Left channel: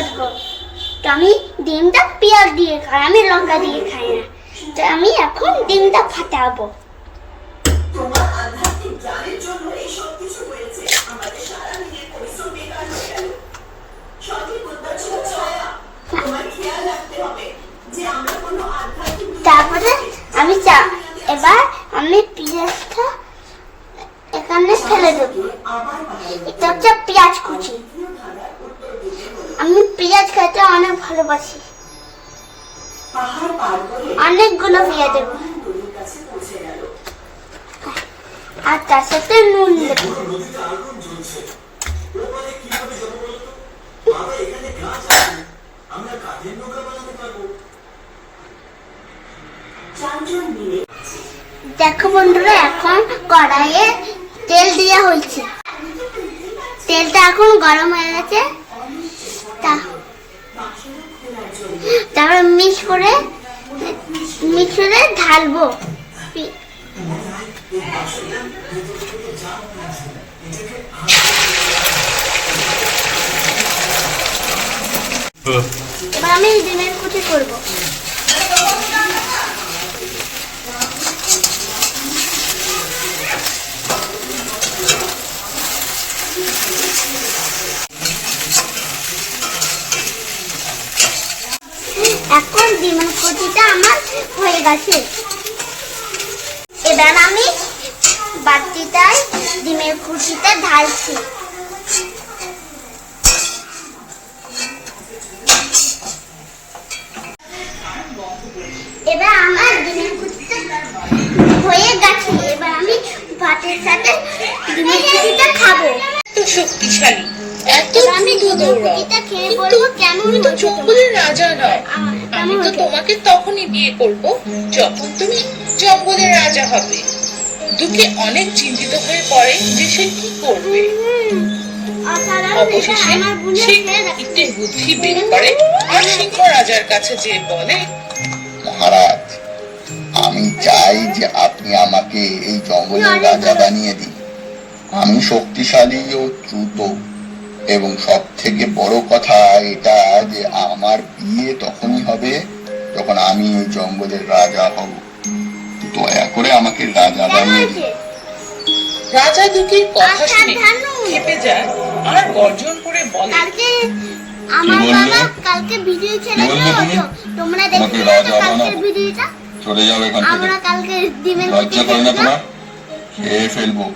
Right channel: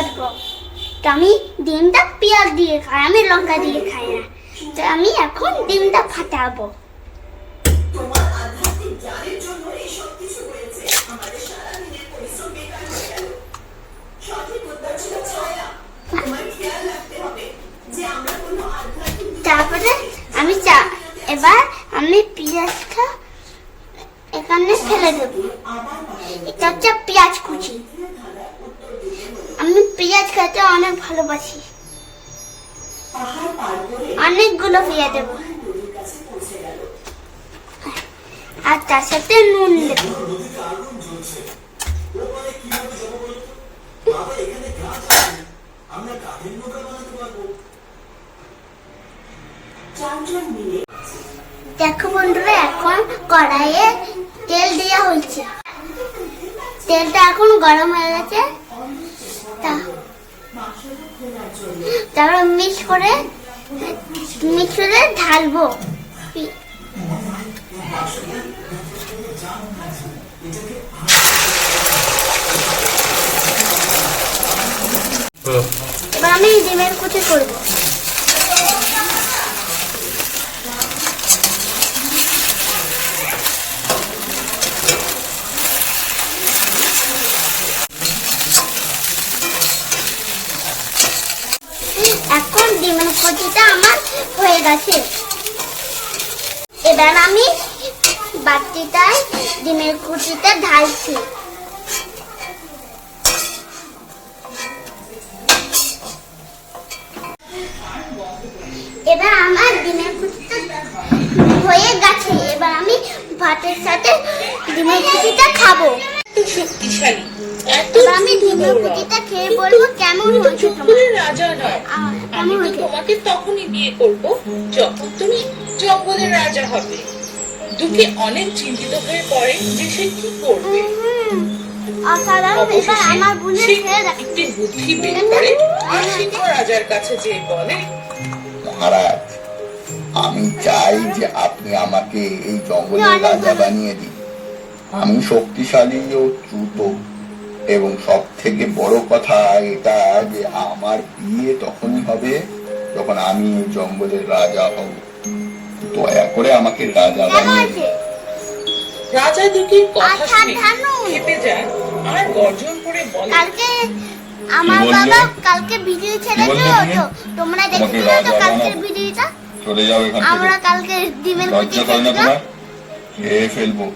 ফাটবো। তো আমি ডিমটা পেঁয়াজ দিয়ে খাই, আমি লঙ্কা দিয়ে খাই না। তো আমি এখন ডিমটা ফাটাবো। তোমার আধ্যাত্মিক জ্ঞানের জন্য এই সব কিছু হয়েছে। আমাদের সারা দিনের পরিশ্রম বেকার হয়ে গেল। সঠিক উত্তর ছিল ছায়া। তোমার খেয়াল রাখতে হবে যে আমরা কোনো আধ্যাত্মিক। তারপরে আমি এবার আমি পেঁয়াজটা এখানে ফেলে দেবো। এটা হচ্ছে পেঁয়াজ কুচি। আমি পেঁয়াজ খেতে অনেক ভালোবাসি। অনেকগুলো পেঁয়াজ দেবো আর তার সাথে নুন দেবো। দেখো বন্ধুরা, এখন কড়াইয়ে তেল দেওয়া হয়েছে। তেলটা এখন গরম হয়ে গেছে। তারপরে মিক্স করে ঢালবো। এবার আমি ডিমের কুচি করবো। এখন ডিমের কুচিটা আমার হয়ে গেছে। এবার আমি বাটিটায় ডিমের কুচিটা ঢালছি। এবার আমার ডিমের কুচিটা হয়ে গেছে। এবার আমি ভাতের সাথে ডিমের কুচিটা খাবো। শক্তিশালী, এত আমি ডিমের কুচিটা খেয়ে বলবো কেমন তুমি তো জঙ্গলের রাজা নও। আমি তো তোমাকে তখনই বিয়ে করব যখন তুমি জঙ্গলের রাজা হবে। দুঃখে অনেক চিন্তিত হয়ে পড়ে যে সে কি করবে। অবশেষে সে একটি বুদ্ধি বের করে আর সিংহ রাজার কাছে যেয়ে বলে, মহারাজ, আমি চাই যে আপনি আমাকে এই জঙ্গলের রাজা বানিয়ে দিন। আমি শক্তিশালী ও দ্রুত, এবং সব থেকে বড় কথা এটা যে আমার বিয়ে তখনই হবে যখন আমি এই জঙ্গলের রাজা হব। দয়া করে আমাকে রাজা বানিয়ে দিন। রাজা দুটির কথা শুনে খেপে যায় আর গর্জন করে বলে, আমার বাবা কালকে ভিডিও ছেড়েছে, তোমরা দেখতে পাবে কালকের ভিডিওটা। চলে যাও এখান থেকে। আমরা কালকে ডিমের লজ্জা করে না তোমার? খেয়ে ফেলবো।